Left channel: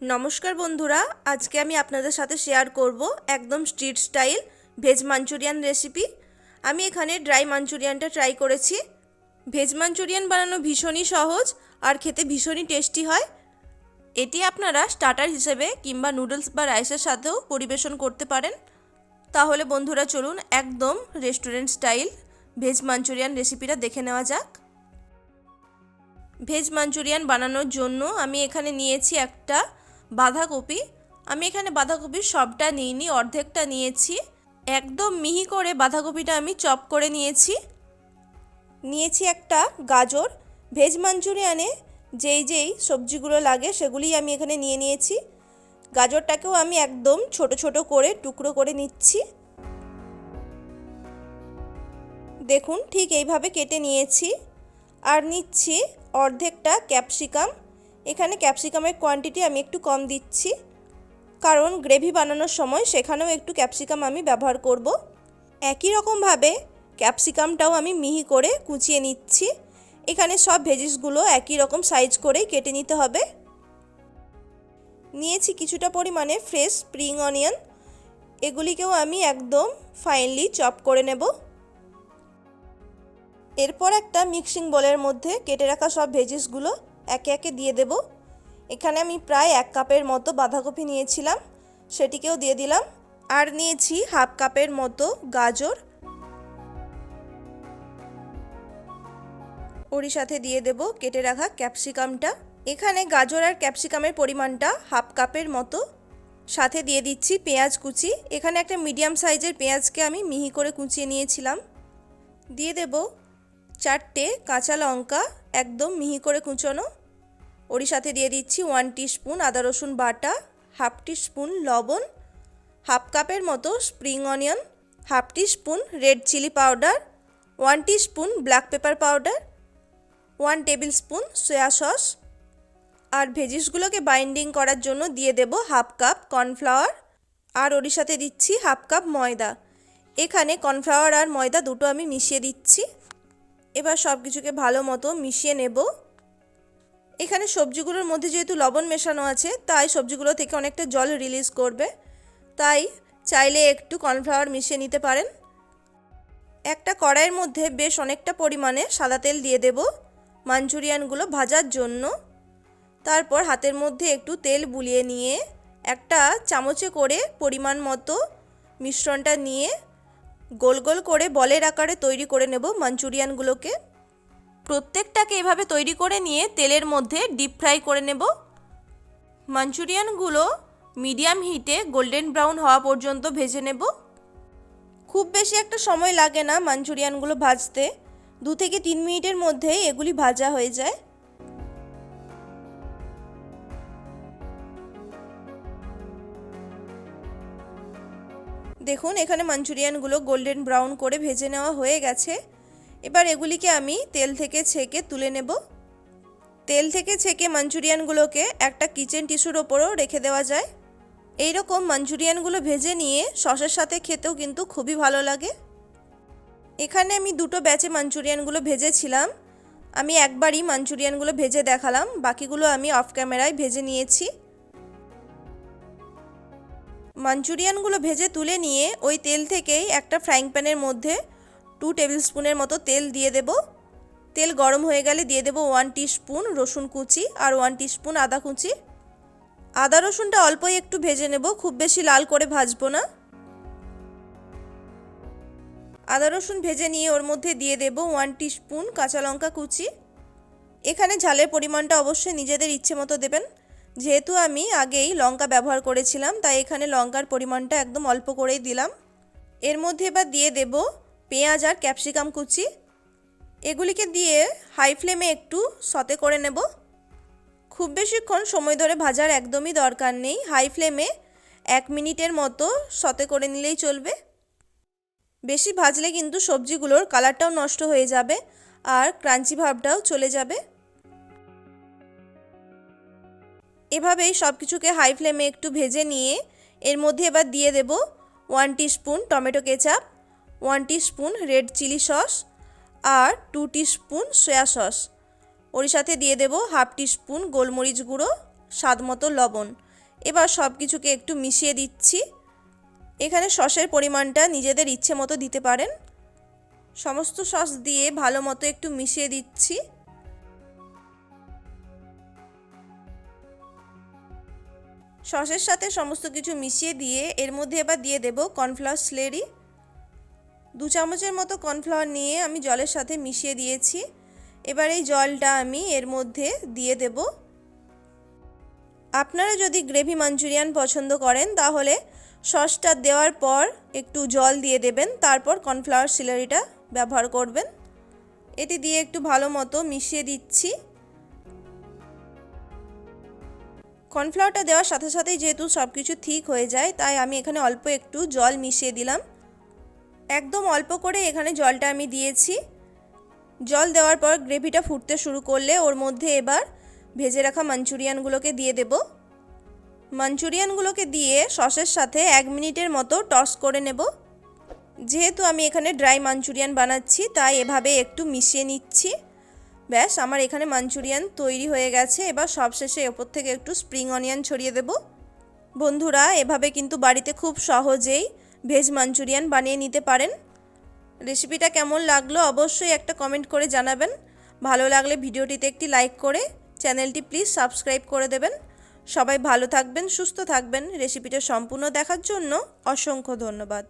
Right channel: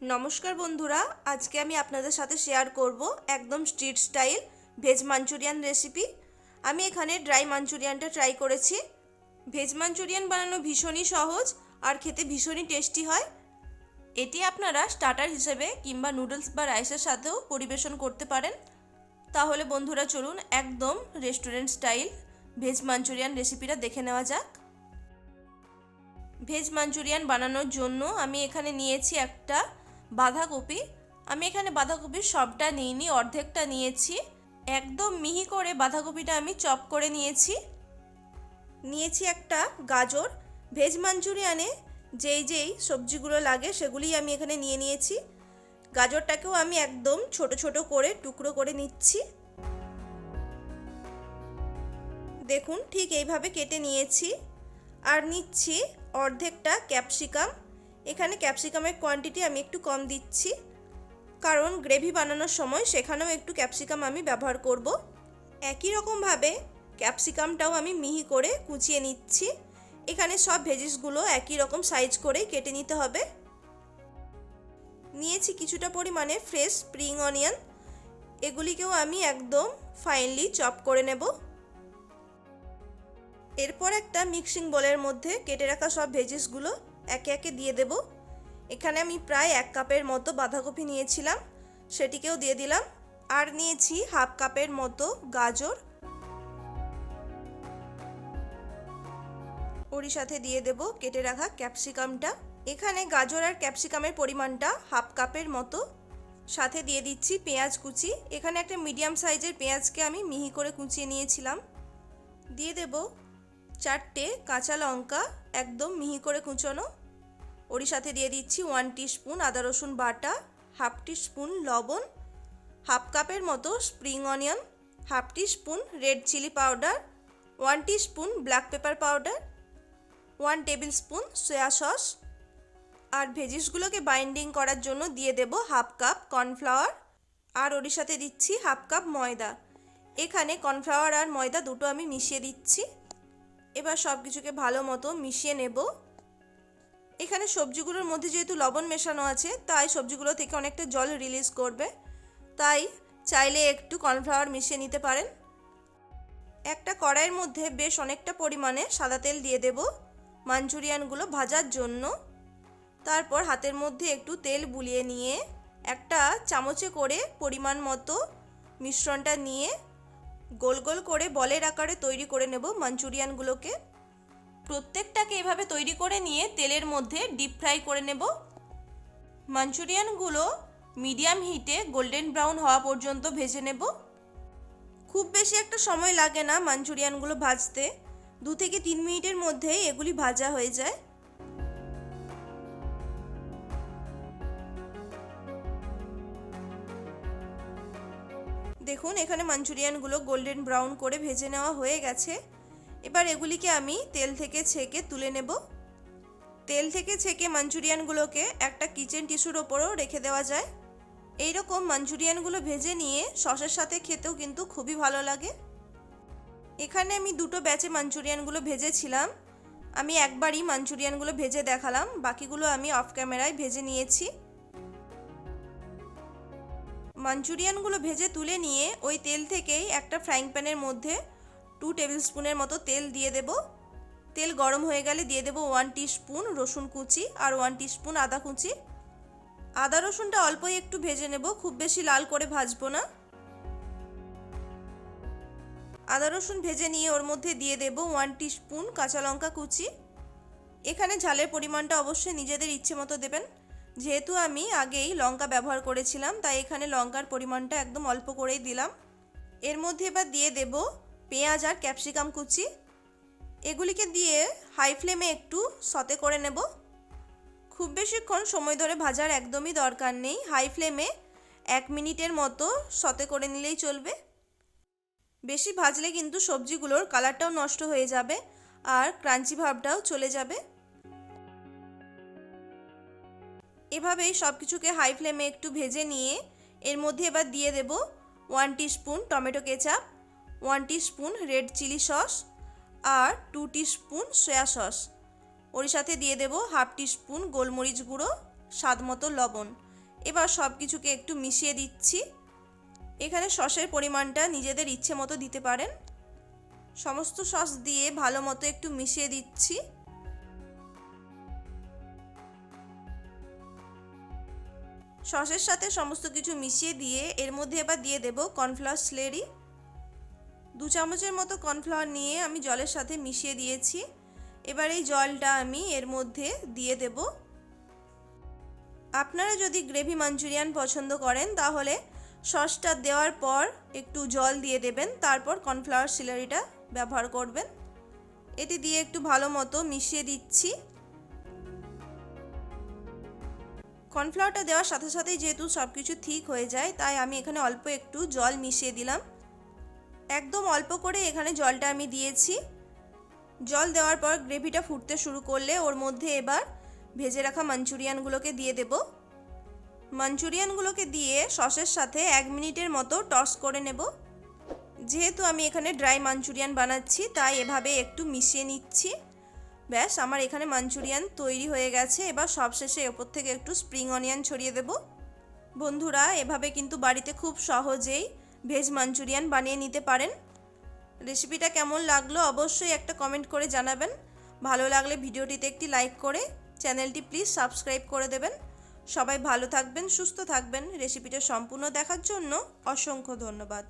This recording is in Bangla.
নমস্কার বন্ধুরা, আজকে আমি আপনাদের সাথে শেয়ার করব একদম street style veg Manchurian recipe. আমি এখানে ড্রাই মাঞ্চুরিয়ানটা ট্রাই করেছি। ভেজ মাঞ্চুরিয়ান বানানো ভীষণই সহজ আর খেতে ভীষণই টেস্টি হয়। এটি আপনারা স্টার্টার হিসেবে কিংবা নুডলস বা রাইসের সাথেও পরিবেশন করতে পারেন। তাহলে বন্ধুরা চলুন একদম রেস্টুরেন্ট স্টাইল ভেজ মাঞ্চুরিয়ান রেসিপিটা দেখে নেওয়া যাক। ভেজ মাঞ্চুরিয়ান বানানোর জন্য আমি এখানে নিয়েছি একটা বাঁধাকপি। আমি এখানে বাঁধাকপির সবটা নিইনি, অর্ধেকটা নিয়েছি। একদম মিহি করে বাঁধাকপিটা আমি চপ করে নিয়েছি একটা গাজর। ভেজ মাঞ্চুরিয়ানে যেই সবজিগুলো লাগে সেগুলি আমি এখানে নিয়েছি। গাজরটাকেও আমি একদম ছোট ছোট করে টুকরো করে নিচ্ছি। দেখুন ঠিক এইভাবে কেটে নিয়েছি। আর নিচ্ছি অর্ধেকটা ক্যাপসিকাম। এখানে ক্যাপসিকামের কোয়ান্টিটি আমি একটু কম দিচ্ছি, কারণ গ্রেভি বানানোর সময় সেখানেও একটু ক্যাপসিকাম আমি ব্যবহার করব। একই রকমভাবে ক্যাপসিকামটাও আমি মিহি করে কুচিয়ে নিচ্ছি। এখানে সব ভেজিসগুলো একই রকম সাইজ করেই কেটে নিতে হবে। নিয়েছি কিছুটা পরিমাণে ফ্রেশ স্প্রিং অনিয়ন। এগুলিকেও আমি একদম ফাইনলি চপ করে নেব। এরপর একটা মিক্সিং বোলের মধ্যে কেটে রাখা সব ভেজিসগুলো একে একে দিয়ে দেব। এখানে আমি প্রায় 1 কাপের মতো বাঁধাকপি নিয়েছিলাম, সেটিকেও দিয়ে দিলাম। আর নিয়েছি হাফ কাপের মতো গাজর, ওরই সাথে দিয়ে দেব কেটে রাখা ক্যাপসিকামটা। এখানে গাজর আর ক্যাপসিকামের পরিমাণটা হাফ কাপের মতো। সাথে দিয়ে দিচ্ছি পেঁয়াজ কুচি। এখানে একটা মিডিয়াম সাইজের পেঁয়াজকে আমি মিহি করে কুচিয়ে নিয়েছিলাম। দিয়ে দেব 4টে কাঁচা লঙ্কা একদম মিহি করে কুচোনো। ওরই সাথে দিয়ে দিচ্ছি 1 টিস্পুন আদা রসুন বাটা, হাফ টিস্পুন লবণ, হাফ কাপের মতো spring onion, half teaspoon red chilli powder, 1 teaspoon black pepper powder, 1 tablespoon soya sauce. আর ভেজিসগুলোকে বাইন্ডিং করার জন্য দিয়ে দেব হাফ কাপ কর্নফ্লাওয়ার। আর ওরই সাথে দিচ্ছি হাফ কাপ ময়দা। এখানে কর্নফ্লাওয়ার আর ময়দা দুটো আমি মিশিয়ে দিচ্ছি। এবার সব কিছুকে ভালো মতো মিশিয়ে নেব। এখানে সবজিগুলোর মধ্যে যেহেতু লবণ মেশানো আছে, তাই সবজিগুলো থেকে অনেকটা জল রিলিজ করবে, তাই চাইলে একটু কর্নফ্লাওয়ার মিশিয়ে নিতে পারেন। একটা কড়াইয়ের মধ্যে বেশ অনেকটা পরিমাণে সাদা তেল দিয়ে দেব মাঞ্চুরিয়ানগুলো ভাজার জন্য। তারপর হাতের মধ্যে একটু তেল বুলিয়ে নিয়ে একটা চামচে করে পরিমাণ মতো মিশ্রণটা নিয়ে গোল গোল করে বলের আকারে তৈরি করে নেব মাঞ্চুরিয়ানগুলোকে। প্রত্যেকটাকে এভাবে তৈরি করে নিয়ে তেলের মধ্যে ডিপ ফ্রাই করে নেব। মাঞ্চুরিয়ানগুলো মিডিয়াম হিটে গোল্ডেন ব্রাউন হওয়া পর্যন্ত ভেজে নেব। খুব বেশি একটা সময় লাগে না মাঞ্চুরিয়ানগুলো ভাজতে, 2 থেকে 3 মিনিটের মধ্যেই এগুলি ভাজা হয়ে যায়। দেখুন এখানে মাঞ্চুরিয়ানগুলো গোল্ডেন ব্রাউন করে ভেজে নেওয়া হয়ে গেছে। এবার এগুলিকে আমি তেল থেকে ছেঁকে তুলে নেব। তেল থেকে ছেঁকে মাঞ্চুরিয়ানগুলোকে একটা কিচেন টিস্যুর ওপরও রেখে দেওয়া যায়। এই রকম মাঞ্চুরিয়ানগুলো ভেজে নিয়ে সসের সাথে খেতেও কিন্তু খুবই ভালো লাগে। এখানে আমি 2টো ব্যাচে মাঞ্চুরিয়ানগুলো ভেজেছিলাম। আমি একবারই মাঞ্চুরিয়ানগুলো ভেজে দেখালাম, বাকিগুলো আমি অফ ক্যামেরায় ভেজে নিয়েছি। মাঞ্চুরিয়ানগুলো ভেজে তুলে নিয়ে ওই তেল থেকেই একটা ফ্রাইং প্যানের মধ্যে 2 টেবিল স্পুনের মতো তেল দিয়ে দেব। তেল গরম হয়ে গেলে দিয়ে দেব 1 টিস্পুন রসুন কুচি আর 1 টিস্পুন আদা কুচি। আদা রসুনটা অল্পই একটু ভেজে নেব, খুব বেশি লাল করে ভাজবো না। আদা রসুন ভেজে নিয়ে ওর মধ্যে দিয়ে দেব 1 টিস্পুন কাঁচা লঙ্কা কুচি। এখানে ঝালের পরিমাণটা অবশ্যই নিজেদের ইচ্ছে মতো দেবেন। যেহেতু আমি আগেই লঙ্কা ব্যবহার করেছিলাম, তাই এখানে লঙ্কার পরিমাণটা একদম অল্প করেই দিলাম। এর মধ্যে এবার দিয়ে দেব পেঁয়াজ আর ক্যাপসিকাম কুচি। এগুলিকে দিয়ে হাই ফ্লেমে একটু সতে করে নেব। খুব বেশিক্ষণ সময় ধরে ভাজার একদমই দরকার নেই, হাই ফ্লেমে 1 মিনিটের মতো সতে করে নিলেই চলবে। বেশি ভাজলে কিন্তু সবজিগুলোর কালারটাও নষ্ট হয়ে যাবে আর ক্রাঞ্চি ভাবটাও চলে যাবে। এভাবেই সব কিছুকে হাই ফ্লেমে একটু ভেজে নিয়ে এর মধ্যে এবার দিয়ে দেব 1 teaspoon tomato ketchup, 1 teaspoon red chilli sauce আর 2 টিস্পুন সয়া সস। ওর সাথে দিয়ে দেব হাফ টিস্পুন গোলমরিচ গুঁড়ো, স্বাদ মতো লবণ। এবার সব কিছুকে একটু মিশিয়ে দিচ্ছি। এখানে সসের পরিমাণটা নিজেদের ইচ্ছে মতো দিতে পারেন। সমস্ত সস দিয়ে ভালো মতো একটু মিশিয়ে দিচ্ছি। সসের সাথে সমস্ত কিছু মিশিয়ে দিয়ে এর মধ্যে এবার দিয়ে দেব কর্নফ্লাওয়ার স্লেরি। 2 চামচের মতো কর্নফ্লাওয়ার নিয়ে আমি জলের সাথে মিশিয়ে দিয়েছি। এবার এই জলটা আমি এর মধ্যে দিয়ে দেব। আপনারা যদি গ্রেভি মাঞ্চুরিয়ান পছন্দ করেন তাহলে সসটা দেওয়ার পর একটু জল দিয়ে দেবেন, তারপর কর্নফ্লাওয়ার স্লেরিটা ব্যবহার করবেন। এটি দিয়ে একটু ভালো মতো মিশিয়ে দিচ্ছি। কর্নফ্লাওয়ারটা দেওয়ার সাথে সাথেই যেহেতু সব কিছু ঠিক হয়ে যায়, তাই আমি এখানে অল্প একটু জল মিশিয়ে দিলাম। একদম অল্প করে এখানে জলটা আমি দিয়েছি। জল দেওয়ার পর গ্রেভিটা ফুটতে শুরু করলে ওর মধ্যে এবার ভেজে রাখা মাঞ্চুরিয়ানগুলোকে দিয়ে দেব। মাঞ্চুরিয়ানগুলোকে দিয়ে সসের সাথে 1 মিনিটের মতো টস করে নেব। যেহেতু আমি এখানে ড্রাই মাঞ্চুরিয়ান বানাচ্ছি, তাই এভাবে একটু মিশিয়ে নিচ্ছি। ব্যাস, আমার এখানে মাঞ্চুরিয়ান তৈরি হয়ে গেছে। এবার সবশেষে ওপর থেকে একটু স্প্রিং অনিয়ন ছড়িয়ে দেব। বন্ধুরা, এভাবে কিন্তু বাড়িতে খুব সহজেই ভেজ মাঞ্চুরিয়ান বানিয়ে নিতে পারেন। রেসিপিটা কেমন লাগলো অবশ্যই একটা কমেন্ট করে জানাবেন। ভালো লাগলে ভিডিওটিতে একটি লাইক করে চ্যানেলটি প্লিজ সাবস্ক্রাইব করে দেবেন। সবাই ভালো থাকবেন, সুস্থ থাকবেন। রেসিপিটা সম্পূর্ণ দেখার জন্য অসংখ্য ধন্যবাদ।